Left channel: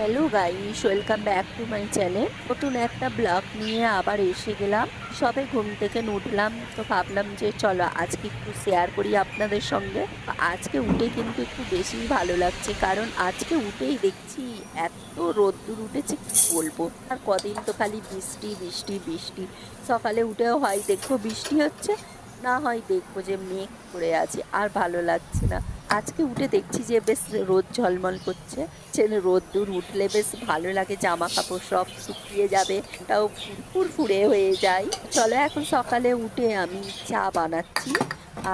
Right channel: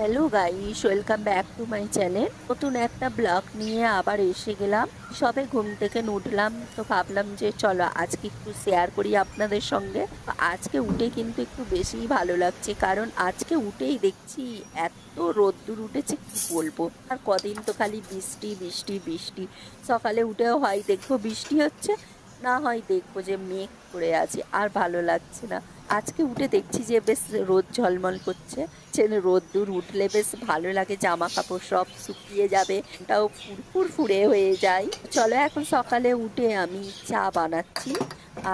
Hello guys, welcome back to my channel. নতুন একটা blog নিয়ে আবার এসে গেলাম। সবে ঘুম থেকে উঠলাম, তো ভাবলাম যে চলো আজকে একটু শেয়ার করি আপনাদের সঙ্গে। আজকে উঠে কিন্তু একটু বেশি ভালো লাগছে, কারণ আজকে উঠেই দেখছি এত রোদ্দুর উঠেছে কি বলবো। আর কদিন তো খালি বৃষ্টি বৃষ্টি বৃষ্টি। সকালে উঠেও হয় দেখবো বৃষ্টি হচ্ছে, না হয় দেখবো যে মেঘ করে আছে, আর ভালো লাগছে না। আজকে উঠে দেখছি যে বেশ রোদ ঝলমল করছে। রোদ্দুর উঠলে বেশ ভালো লাগে, জামা কাপড় সব শুকিয়ে যাবে, ওটাও ফুরফুর ফুরে হয়ে যায়। চলো এখন সকালে উঠে আমি চা বানাচ্ছি।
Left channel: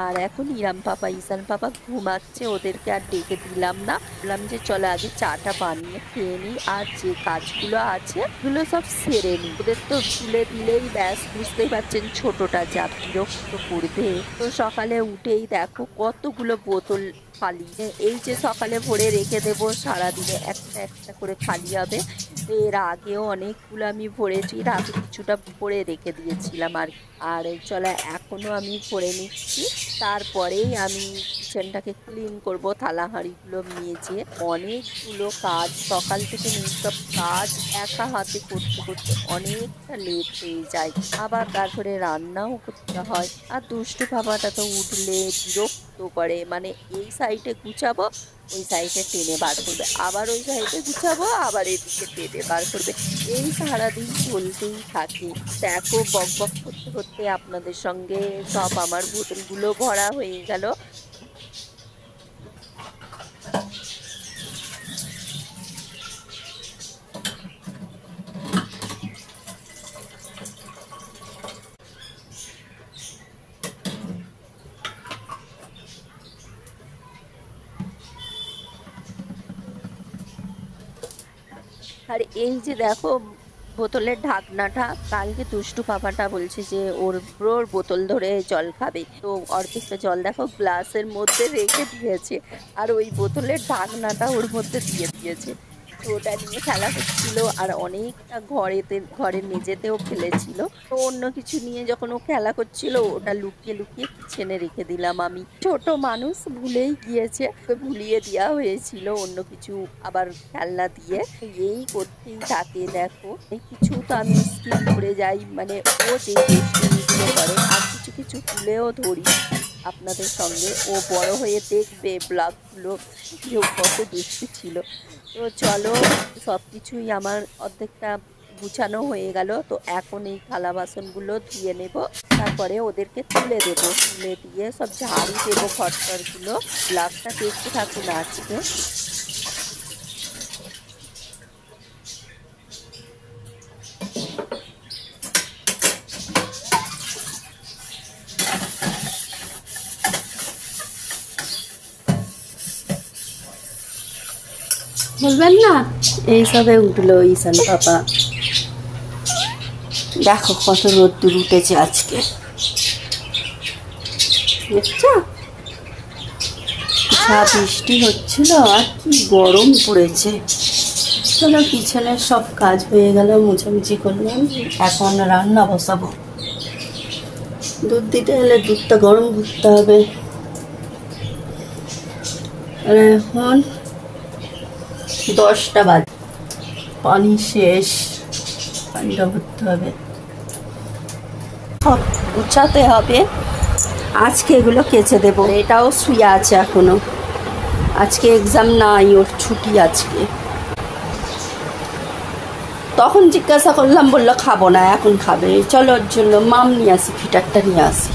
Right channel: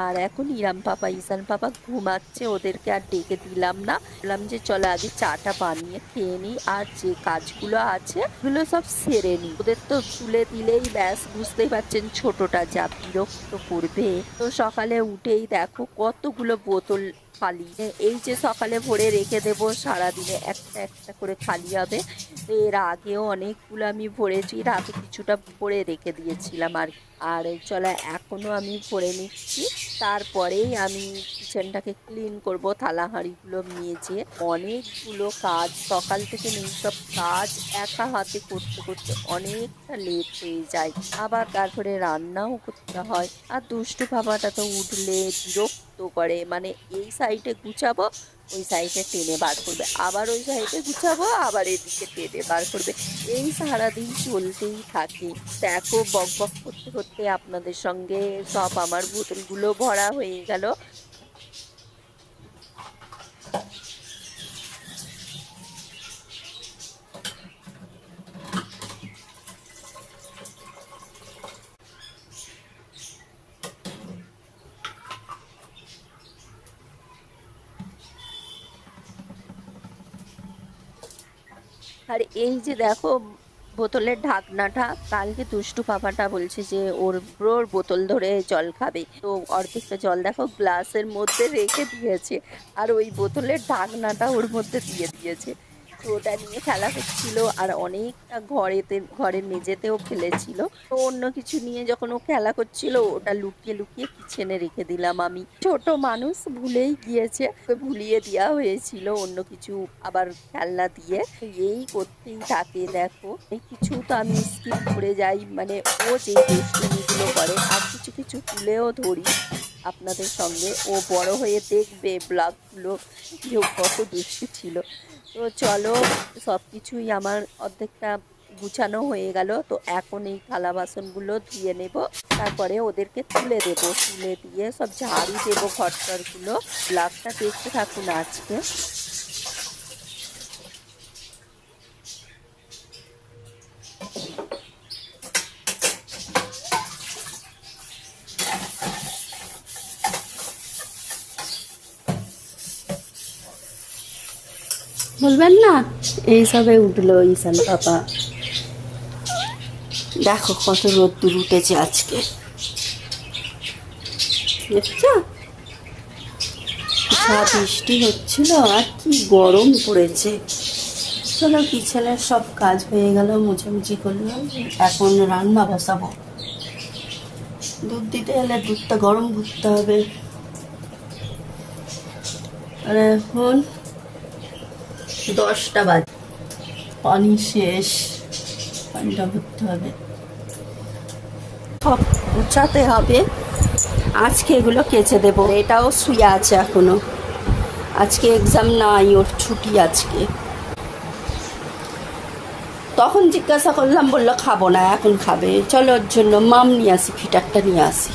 আর এখন ইরাম পাপা ঈশান পাপা ঘুমাচ্ছে, ওদেরকে আর ডেকে দিলাম না। বললাম যে চলো আগে চাটা বানিয়ে খেয়ে নিই, আর যে কাজগুলো আছে ওগুলো সব সেরে নিই। ওদের তো তুলে দিলেই ব্যাস, বুঝতেই পারছেন ছোটটা যা বিরক্ত করবে। তো সকালে উঠেই দেখো কতগুলো বোতল খালি, এই যে সকালে ভরে রেখে দেব, সারাদিনে একটা একটা করে খালি হবে। তো এর আগেও অনেকগুলো আমি ভরেছি, রাতে কিছুটা ভরে রেখে দিয়েছিলাম আর চলো এখনো আমি ভরে নিচ্ছি। তারপরেই আমি কিচেনটাকে ক্লিন করব, থালা হাঁড়িগুলো মেজে। অনেকগুলো কাজ সকাল থেকে নেই, সব কাজ একা হাতে করতে করতে অনেকটা লেট হয়ে যায়। আবার তারপরে রান্নাও করতে হয়। আর দুষ্টু বাবাটা তো উঠলে বিরক্ত করে, মানে এই সাইডে গুছাবো ওই সাইডে টেনে বার করবে, আবার ওই সাইডে গুছাবো আবার এদিকে টেনে বার করবে। এই সারাদিন চলতেই থাকে। দেখো বক বক করতে করতে আপনাদের সঙ্গে সব আমার বোতলগুলো ভরা হয়ে গেল। আর এই যে দেখো বোতলের ঢাকনাটা, কালকে দুষ্টু পাপাটা বলছে যে ওর ব্রোর বোতল ধরে জল খাবে, তো অর্ধেকটা জল দেখো গ্লাসের মধ্যে রেখে দিয়েছে, আর ওই বোতলের ঢাকনাটা ওর মধ্যে দিয়ে দিয়েছে। তো ওটা নিয়ে খেলা করছিল, আর অনেকটা ঘরের মেঝেতেও ফেলেছিল। তো অন্য কিছু নিয়ে যখন ও খেলা করছিল, ওটা লুকিয়ে লুকিয়ে কিচেনে রেখে দিলাম আমি। ছোট মানুষ ভুলেই গিয়েছে, ওকে ভুলিয়ে দেওয়া হয়েছিল অন্য কিছু আবার খেলনা দিয়ে। এই করতেই থাকে দেখো, এই কিছু তো আমি স্কিপ করে যাই, মানে ও যে দুষ্টুমিগুলো করে। আর কিছু কিছু তুলেও ধরি আপনাদের সঙ্গে, ও বড় হয়ে দেখবে ব্লগগুলো যে ও কত দুষ্টু ছিল। তো চলো সব কিছুই আমার অর্ধেকটা গুছানো হয়ে গেল। তো এখন এই থালা বাসনগুলো ধুয়ে নেব, তারপরে ওদেরকে তুলে দেব, তুলে দিয়ে সব ঝাড়ু দেবো ঘরটরগুলো। ব্লগটা দেখতে থাকুন আজকে। বলবেন না, এইসবে উঠলো ঈশান পাপা। দেখো কত রোদ্দুর উঠেছে আজকে, দেখছো? বৃষ্টি হচ্ছিল আর কি গরম পড়েছে। চলো কিচেনের সব কাজ হয়ে গেল, মুছামুছি করলাম, এখন রান্না বসাবো। দুধ দিতে হলে দুধটা গরম করতে হবে। আর এখন 10টা বাজে, পানি শেষ, পানিটা ভরতে হবে, সব গুছাতে হবে। আজকে এগুলো কেচে দেবো। এটাও শুয়ে আছে এখনো, আজকে এক্সাম নাই, ওর ছুটি আজকে। তখন জিজ্ঞাসা করলাম, বললো খাবো না, এখন খাবে। চলো ওর জন্য মাম নিয়ে আসি, ফিটারটা নিয়ে আসি।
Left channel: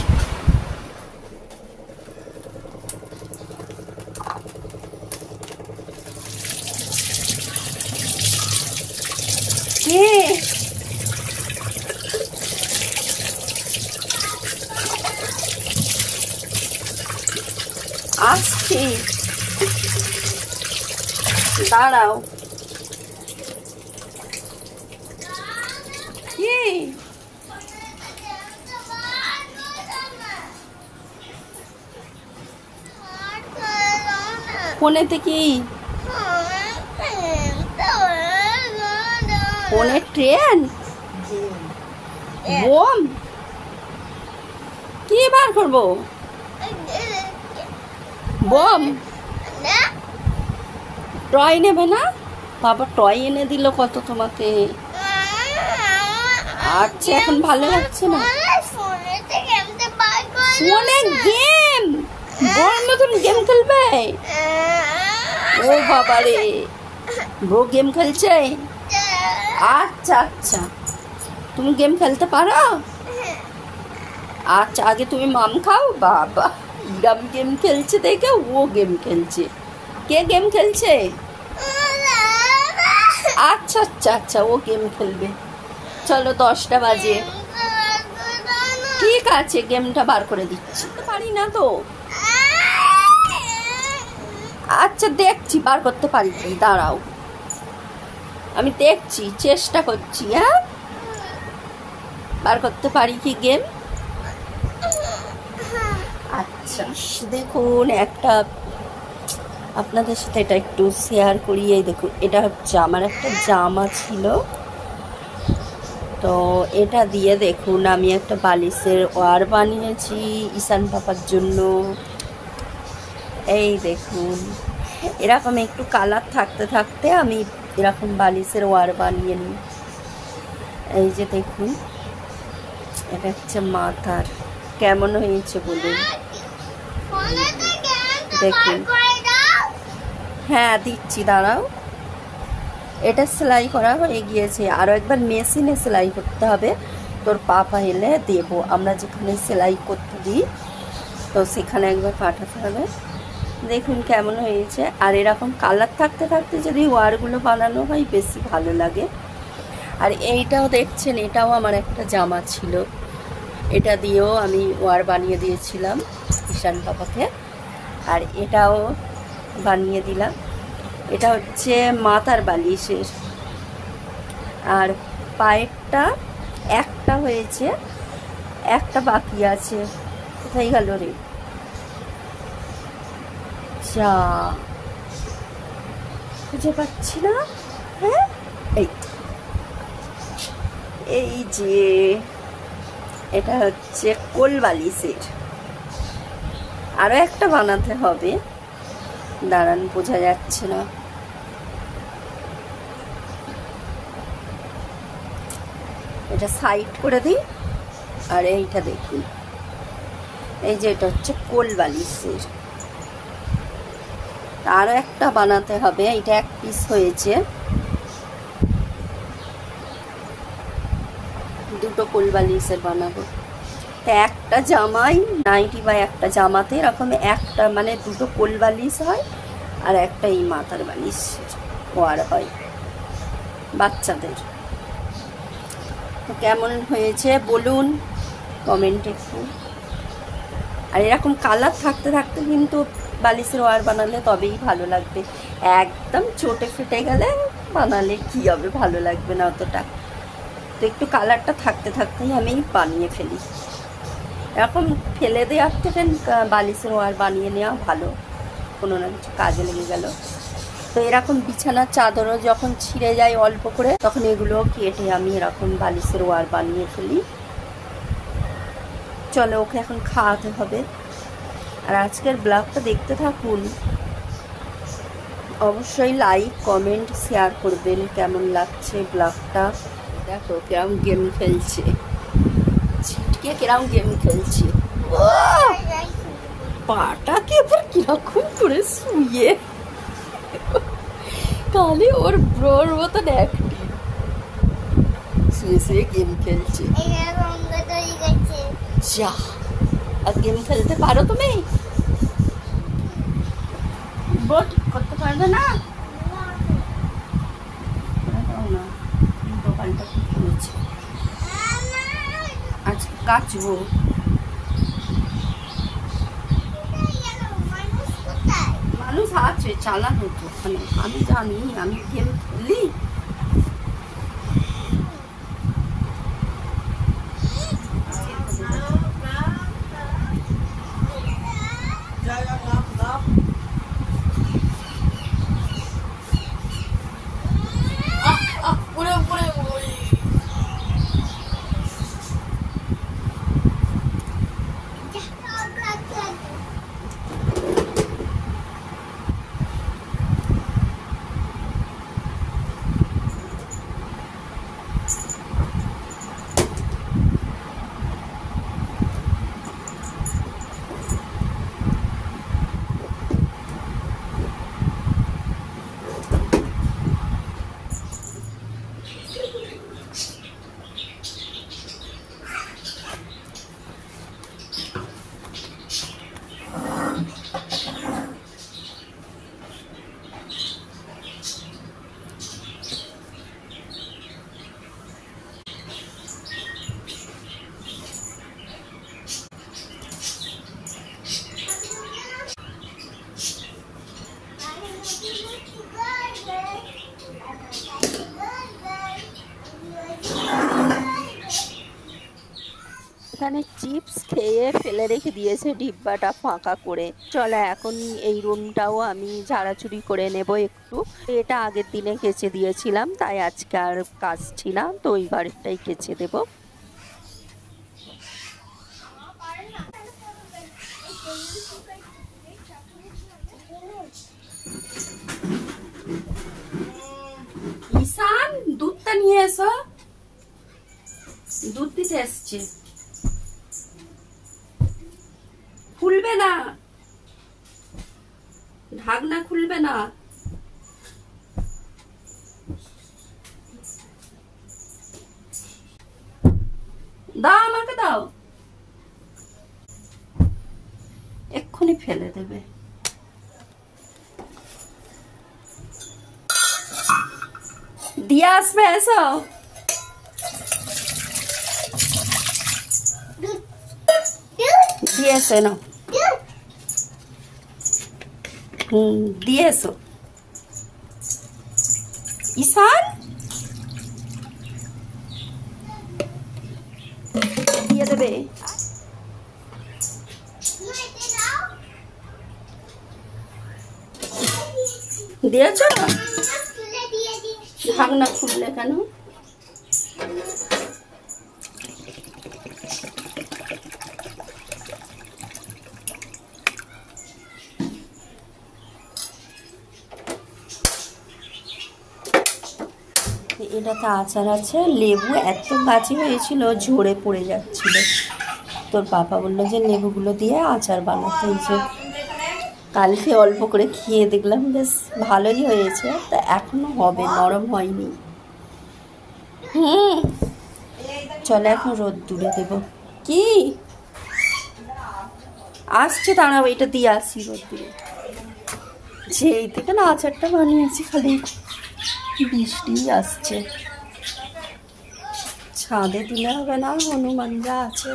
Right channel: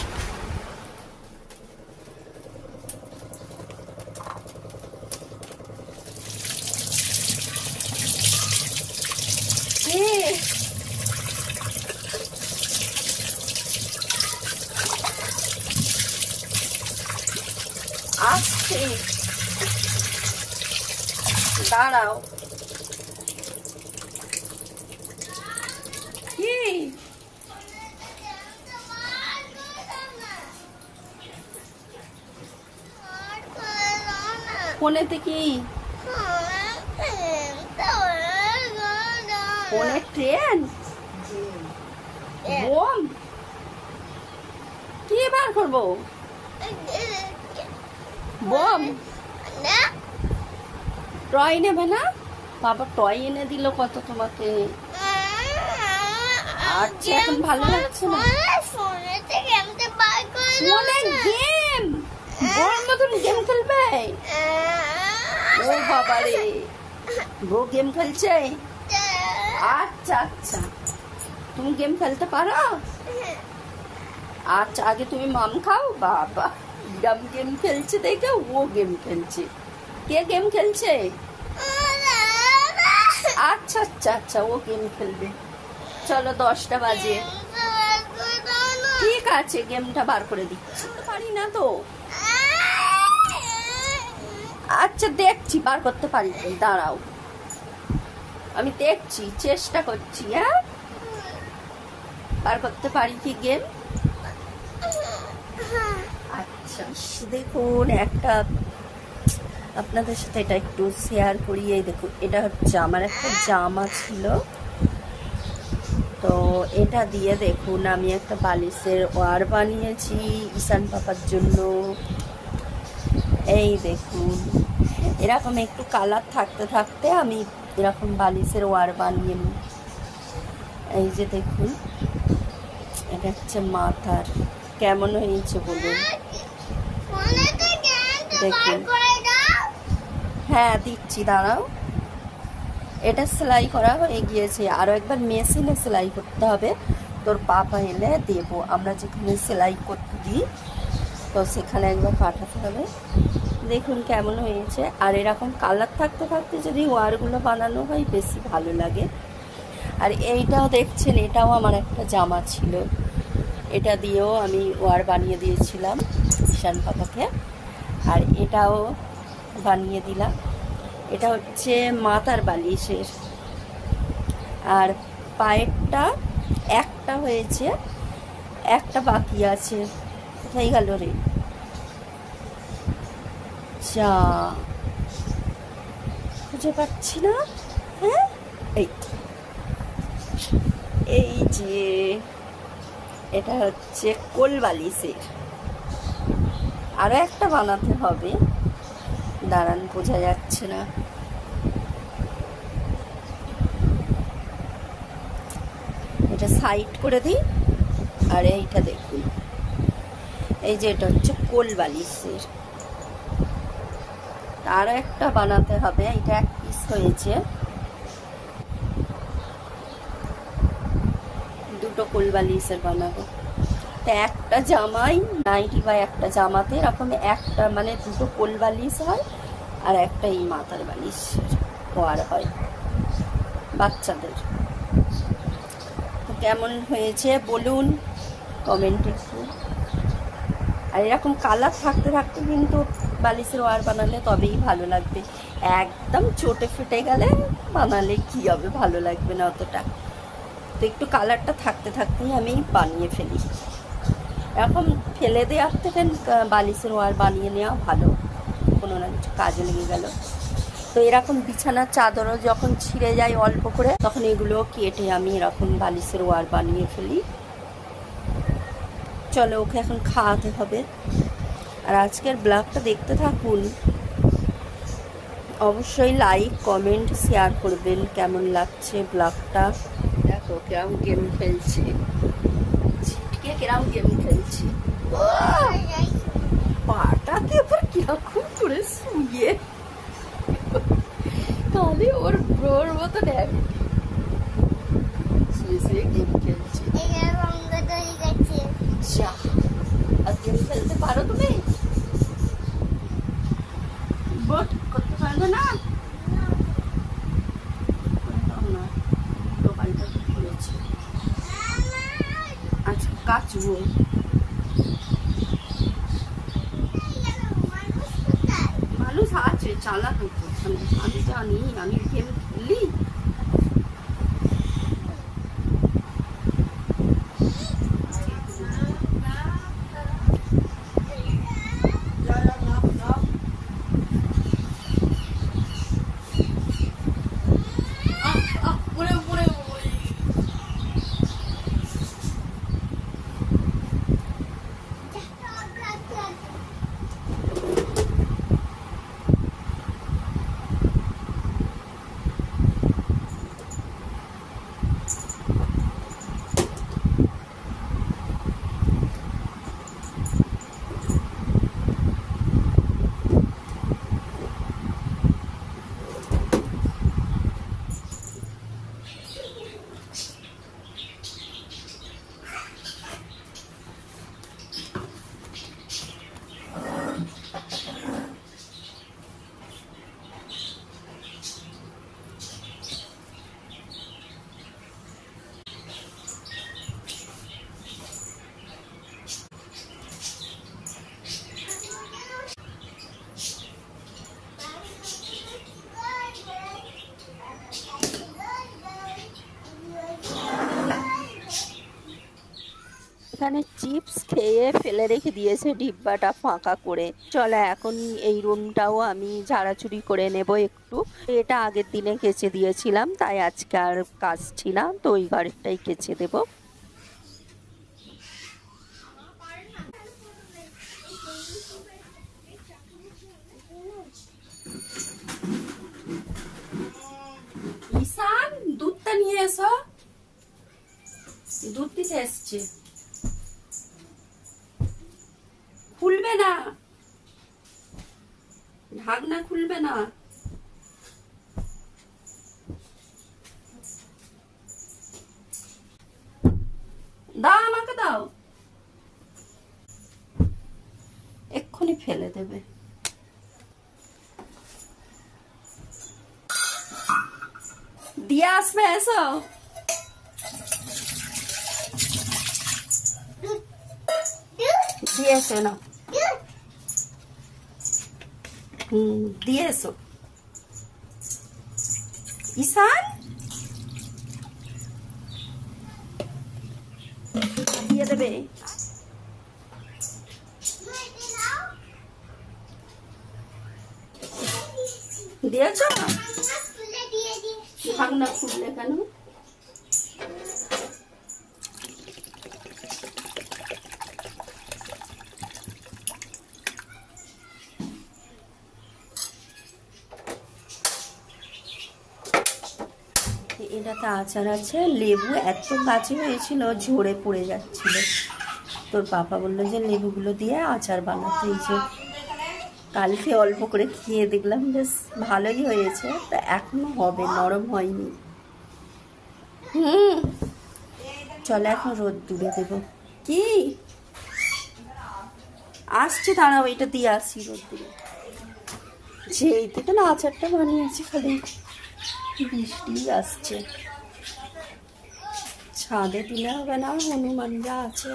আসছি, দাঁড়াও। কি ফোনেতে কি ফোনে ট্রেন বোম কি বার করবো? বোম টয় নেবে না? বাবা টয় এনে দিল কত তোমাকে। আচ্ছা এখন ভালো লাগছে না? ফোনে গেম, বড় মতন গেম খেলবে? ও বাবা রে, বউ গেম খেলছে? আচ্ছা আচ্ছা, তুমি গেম খেলতে পারো? আচ্ছা আগে তুমি মাম খাও। বাবা ইরাম গেম খেলছে দেখে ও গেম খেলছে। কে গেম খেলছে? আচ্ছা আচ্ছা আচ্ছা, ও গেম খেলবে। চলো 10টা বাজে, ঠিক আছে গেমটা বার করে দিচ্ছি। পারি না তো, আচ্ছা দেখছি বার করতে পারি কি, দাঁড়াও আমি দেখছি, চেষ্টা করছি। হ্যাঁ বার করতে পারি কি গেম। আচ্ছা দেখুন, একটা আপনাদের সাথে এটা একটু শেয়ার করি। এই দেখুন, এটা হচ্ছে আমার একটা জামা ছিল, তো এটা দিয়ে দেখুন আমি একটা বালিশের ওয়ার বানিয়েছি ঈশান পাপার জন্য। এই দেখুন, এরকম একটু কালার থাকতে থাকতে আমি এরকম বালিশের ওয়ার বানিয়ে নিই। এই যে দেখুন, এটা হচ্ছে মাথার, কেমন হয়েছে বলুন। দেখুন, হ্যাঁ দিচ্ছি, দাঁড়াও। এটা সেলাই করা হয়ে গিয়েছে, আরও একবার মেশিনে সেলাই করতে হবে। তোর পাপা এলে দেবো, আমরা যেখানে সেলাই করতে দিই তো সেখানে একবার পাঠাতে হবে। দেখুন কেমন হয়েছে। আর এরকম কালার থাকতে থাকতে যদি ওয়ারগুলো বানানো হয় বেশি ভালো লাগে। আর এইটাও দেখছেন, এটাও আমার একটা জামা ছিল, এটা দিয়েও আমি ওয়ার বানিয়ে দিয়েছিলাম ঈশান পাপাকে। আর এটাও বানিয়ে দিলাম। এটা হচ্ছে মাথার বালিশের। আর পায়েরটা একটা হয়েছে, একটা বাকি আছে। কোথায় গেল রে? যা, খুঁজে পাচ্ছি না। হ্যাঁ এই যে, এটা হচ্ছে কোল বালিশের। আরো একটা বানাতে হবে, দাঁড়ান বোঝা যাচ্ছে না। এটা সাইড করে দিই। আর এইটা দেখুন, এই যে এটা হচ্ছে কোল বালিশের। আরো একটা বানাতে হবে, এটা এক পিস হয়েছে, দুটো কোল বালিশের বানাবো। তো একটা জামাই নাইটি বা একটা জামাতে এরকম একটা মানে দুটো কোল বালিশ হয়, আর একটা এই মাথার বালিশ ওয়ার হয় বাচ্চাদের। তো কেমন হয়েছে বলুন কমেন্টে একটু। আর এরকম কালার থাকতে থাকতে কিন্তু বালিশের ওয়ার বানালে তবেই ভালো লাগবে। একদম চটে ফেটে গেলে বানালে কি হবে, ভালো লাগবে না অতটা। তো একটু কালারটা থাকতে থাকতেই আমি বানিয়ে ফেলি। এরকম ফেলে দেওয়ার থেকে বালিশের ওয়ার বানিয়ে নেওয়া ভালো, কোনো না কিছু কাজে লেগে গেল। তো এরকম বিছানার চাদরও যখন ছিঁড়ে যায় অল্প করে, তখন এগুলো কেটে আমি এরকম বালিশের ওয়ার বানিয়ে ফেলি। চলো ওকে এখন খাওয়াতে হবে। আর আজকের ব্লগটা দেখতে থাকুন, অবশ্যই লাইক কমেন্ট শেয়ার করবেন কেমন লাগছে ব্লগটা। দেখো কিরম গেম খেলছে, ছিটকে কিরম গেম খেলছে। পাটাকে এবার কিরকম করে শুয়ে তাহলে ওর ব্রোর মতো দেখ শুয়ে শুয়ে গেম খেলছে। যা, আর গেম খেলতে পারো তুমি? ব্রো ঠিক করতে পারবে না? দোকানটা ঠিক করেছে, আজ কাচবো। মানুষ আছে চালানো তো ওখানে, আমি জানি, আমি গেম খেলি। এখানে চিপস খেয়ে ফেলে রেখে দিয়েছে ডিব্বাটা ফাঁকা করে। চলো এখন এই রুমটাও আমি ঝাড়াঝুড়ি করে নেব একটু। এটা আগের দিনে কেচে দিয়েছিলাম, তাই আজকে আর কাচছি না, তো ওই ঘরটাই কেচে দেব। ঈশান, দুধটা নিয়ে এসো, দুধ দিতে এসছে। খুলবে না, ঢাকনা খুলবে না। দাও, আমাকে দাও, এক্ষুনি ফেলে দেবে। দিয়ে আসবে, এসো। দিয়ে এসো না, দিয়ে এসো। ঈশান, দিয়ে দেবে। দিয়েছ? ঢাকনা খুললে কেন? এটাতে আচার আছে, লেবু এত বাজি হয়েছিল ঝরে পড়ে যাচ্ছিল। তোর পাপা বললো যে লেবুগুলো দিয়ে আচার বানাতে। হয়েছে, কালকে অল্প করে খেয়ে দেখলাম বেশ ভালোই হয়েছে, তা এখনো হবে, নরম হয়নি। চলো এখন রোদ দূরে দেবো। কি আসছে, দাঁড়াও, এটা দিয়ে আসি রোদ দূরে। যেই থেকে না আচারটা বানিয়েছি খালি বৃষ্টি আসছে। ছাদে দিলে হবে না, হনুমানরা আছে,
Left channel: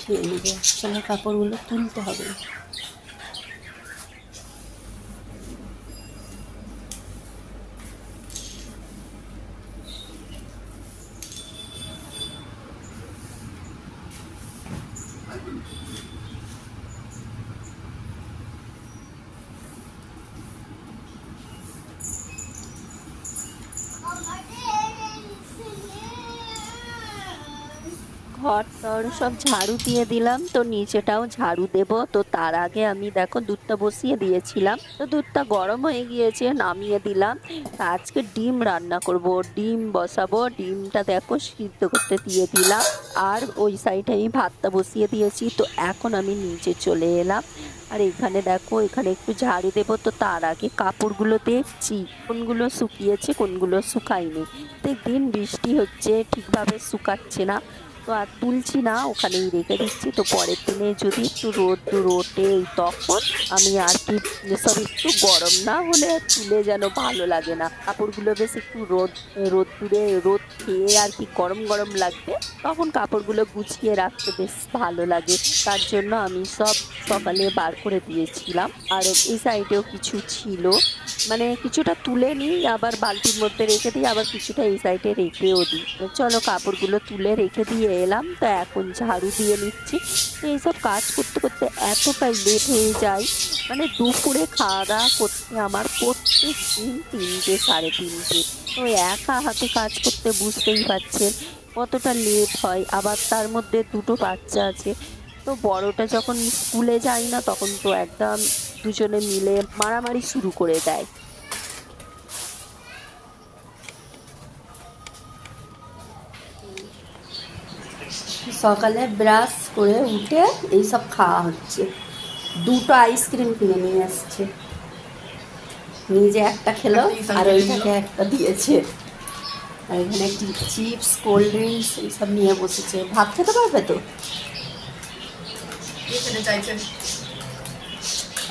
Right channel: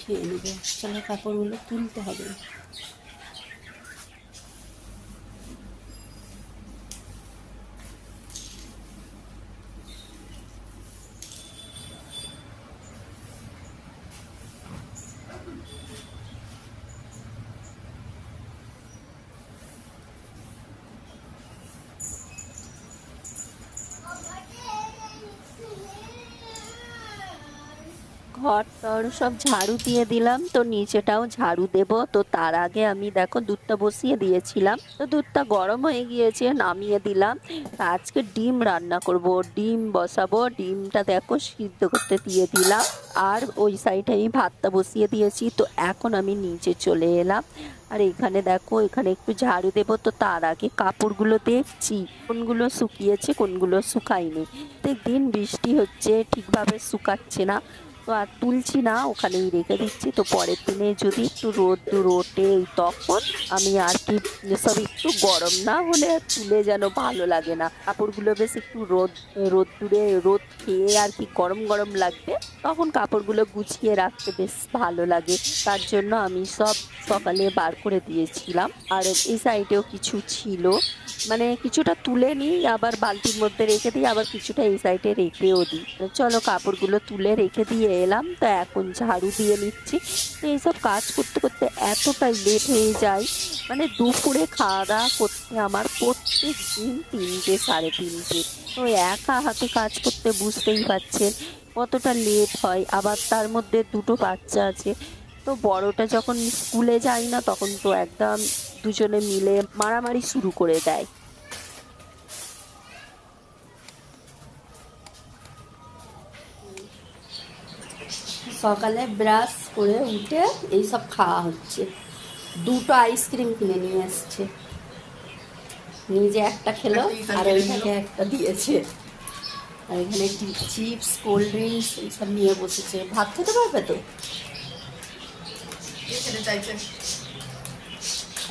খেয়ে নেবে। চলো কাপড়গুলো তুলতে হবে। ঘর টর সব ঝাড়ু দিয়ে দিলাম, তো নিচেটাও ঝাড়ু দেব। তো তার আগে আমি দেখো দুধটা বসিয়ে দিয়েছিলাম, তো দুধটা গরম হয়ে গিয়েছে, নামিয়ে দিলাম। আজকে ডিম রান্না করব, ডিম বসাবো। ডিমটা দেখো সিদ্ধ করতে দিয়ে দিলাম, আর ওই সাইডে আমি ভাতটা বসিয়ে দিয়েছি। তো এখন আমি নিচে চলে এলাম, আর এখানে দেখো এখানে একটু ঝাড়ু দেবো। তো তার আগে কাপড়গুলো দেখছি কোনগুলো শুকিয়েছে কোনগুলো শুকায়নি। প্রত্যেকদিন বৃষ্টি হচ্ছে, ঠিকভাবে শুকাচ্ছে না, তো আর তুলছি না, ওখানেই রেখে দিচ্ছি। তো পরের দিনে যদি একটু রোদ ওঠে তখন আমি আর কি, সব একটু গরম না হলে তুলে যেন ভালো লাগে না। কাপড়গুলো বেশ একটু রোদ খেয়ে আর কি গরম গরম লাগবে, তখন কাপড়গুলো গুছিয়ে রাখতে বেশ ভালো লাগে। তার জন্য আমি সব সকালে বার করে দিয়েছিলাম। আর এই সাইডেও কিছু ছিল, মানে কিছুটা তুলে নিই, আবার বালতির মধ্যে রেখে দিই, আবার কিছুটা এই সাইডে রেখেও দিই। চলো কাপড়গুলো তুলে রেখে দিয়ে এলাম, তো এখন ঝাড়ু দিয়ে নিচ্ছি। তো এইসব কাজ করতে করতে এতটাই লেট হয়ে যায়, মানে দুপুরে খাওয়া দাওয়া করতে আমার প্রত্যেক দিন 3টে 3:30। তো একা হাতে কাজ করতে বুঝতেই পারছেন কতটা লেট হয়। আবার তার মধ্যে দুটো বাচ্চা আছে, তো বড়টা যখন স্কুলে যায় না তখন তো একদম দুজনে মিলে মারামারি শুরু করে দেয়। সকালে ব্রাশ করে উঠে এইসব খাওয়া হচ্ছে। দুটো আইসক্রিম কিনে নিয়ে আসছে, নিজে একটা খেলো আর ওইটাকে একটা দিয়েছে। আর এখানে একটি চিপস, কোল্ড ড্রিঙ্কস এইসব নিয়ে বসেছে। ভাত খেতে পারবে তো?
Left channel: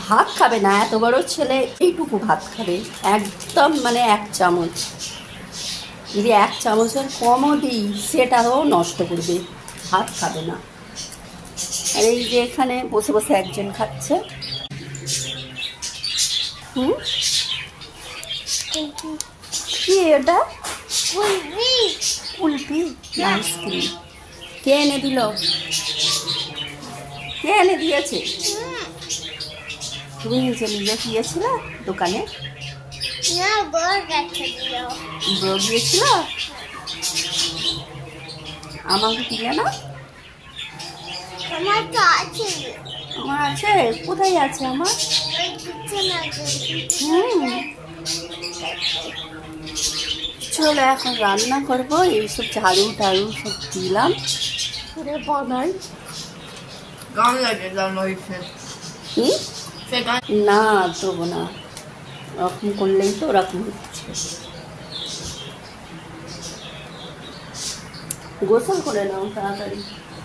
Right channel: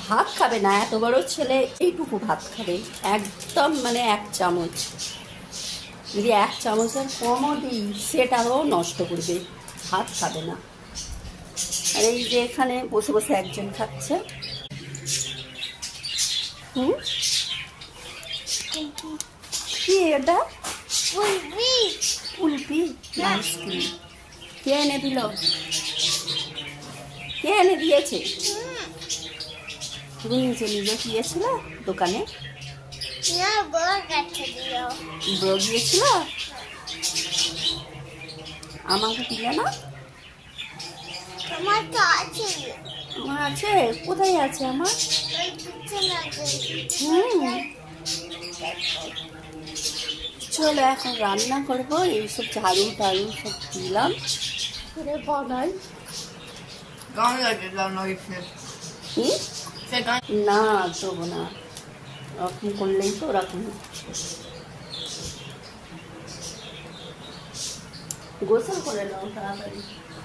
ভাত খাবে না, এত বড় ছেলে এইটুকু ভাত খাবে, একদম মানে 1 চামচ। যদি 1 চামচের কমও দিই সেটাও নষ্ট করবে, ভাত খাবে না। আর এই যে এখানে বসে বসে একজন খাচ্ছে। কি এটা? কুলফি, আইসক্রিম। কে এনে দিল? কে এনে দিয়েছে? তুমি নিজে নিজে গিয়েছিলে দোকানে? বড় গিয়েছিল, আমাকে দিলে না? আমার আছে, কোথায় আছে আমার? চলো এখন রান্না করবো, এইসব ঝাড়ু টাড়ু সব দিলাম, বানাই। না দেবো না, ওরকম করলেই তো ওরকম হচ্ছে। গোসল করে নাও তাড়াতাড়ি,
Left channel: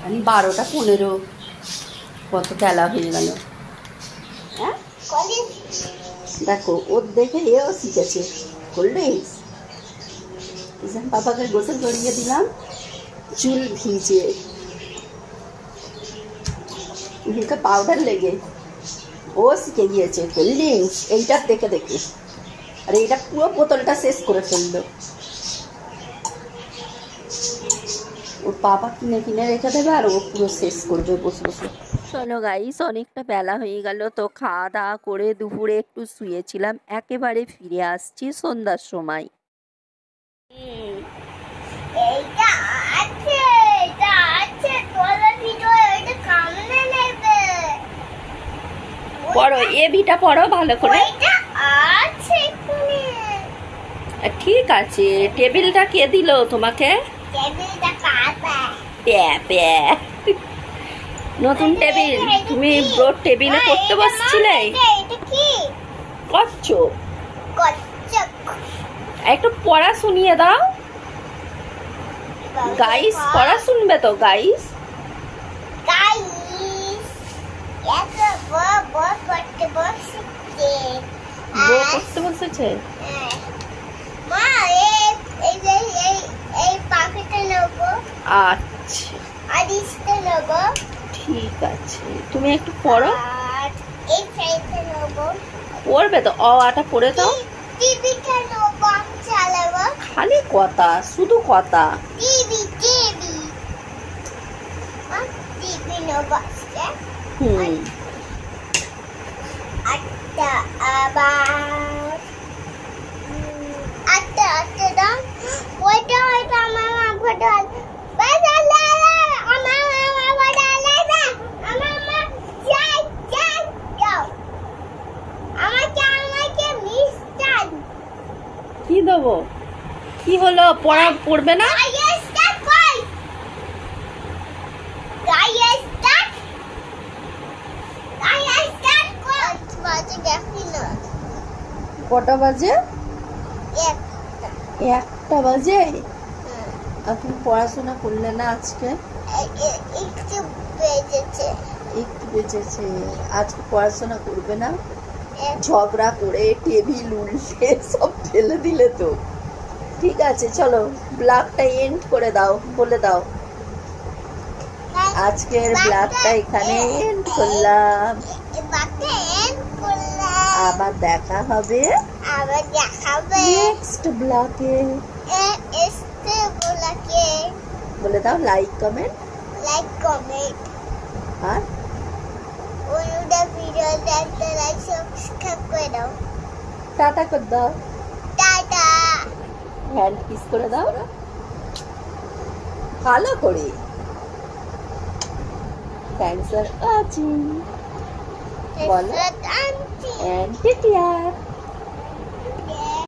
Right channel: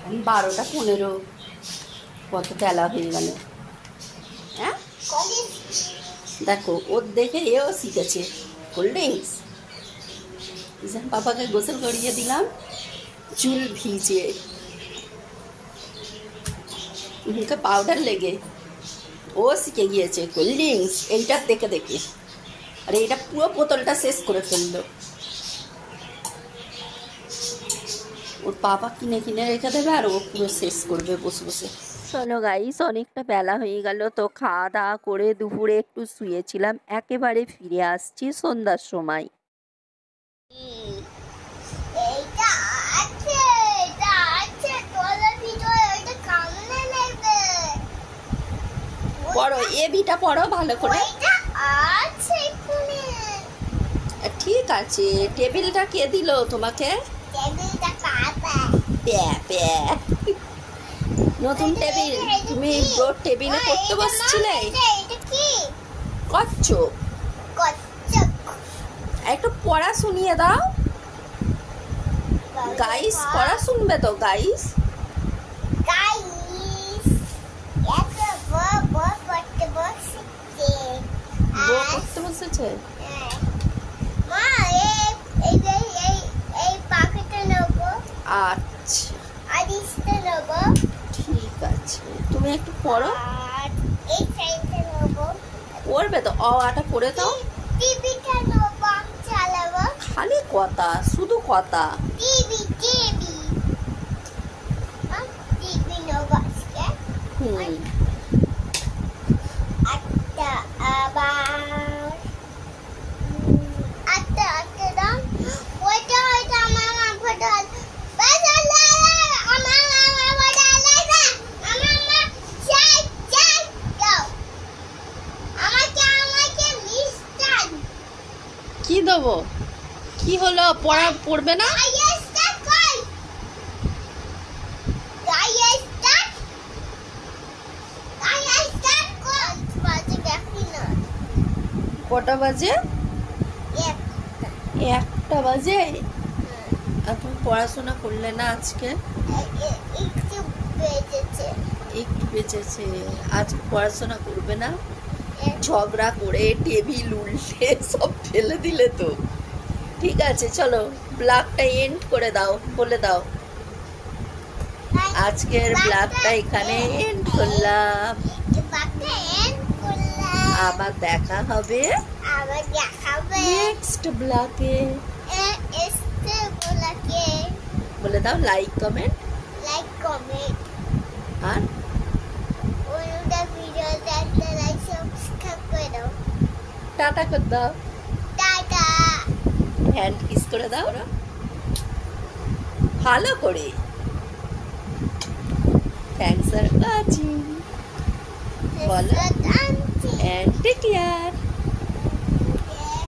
আমি 12টা 15, কত বেলা হয়ে গেল। হ্যাঁ দেখো, ওর দেখে এও শিখেছে কোল্ড ড্রিঙ্কস। পাপাকে গোসল করিয়ে দিলাম, চুল ভিজিয়ে, মুখে পাউডার লেগে ও শিখে গিয়েছে কোল্ড ড্রিঙ্কস এইটার দেখে দেখে। আর এইটা পুরো বোতলটা শেষ করে ফেললো। ওর পাপা কিনে কিনে রেখে দেবে আর ও পুরো শেষ করবে বসে বসে। চলো গাইস, অনেকটা বেলা হয়ে গেল, তো খাওয়া দাওয়া করে দুপুরে একটু শুয়েছিলাম, একেবারে ফিরে আসছি সন্ধ্যার সময়। পড়ো, এ বিটা পড়ো ভালো করে। ঠিক আছে, টেবিলটা কে দিল তোমাকে? নতুন টেবিল, তুমি ব্রোড টেবিলে পড়তে বসছিলে? কচ্ছপ, একটু পড়া শুনিয়ে দাও গাইস, পড়া শুনবে তো গাইস? পড়তে বসেছে। আচ্ছা ঠিক আছে, তুমি একটু পড়ো। পড়বে তো, অটা পড়ে দাও। খালি কথা, শুধু কথা। কি দেবো? কি হলো, পড়া পড়বে না? কটা বাজে? 1টা বাজে। আপনি পড়াশোনা করলে না আজকে? একটু বেঁচেছে। আজ পড়াশোনা করবে না? ঝগড়া করে টেবিল উল্টে সব ফেলে দিলে তো। ঠিক আছে চলো, ব্লগটা এন্ড করে দাও, বলে দাও। আজকের ব্লগটা এখানে এন্ড করলাম, আবার দেখা হবে নেক্সট ব্লগে। বলে দাও লাইক কমেন্ট আর টাটা করে দাও, হ্যান্ড কিস করে দাও ভালো করে। থ্যাংকস ফর ওয়াচিং, বলো, and take care.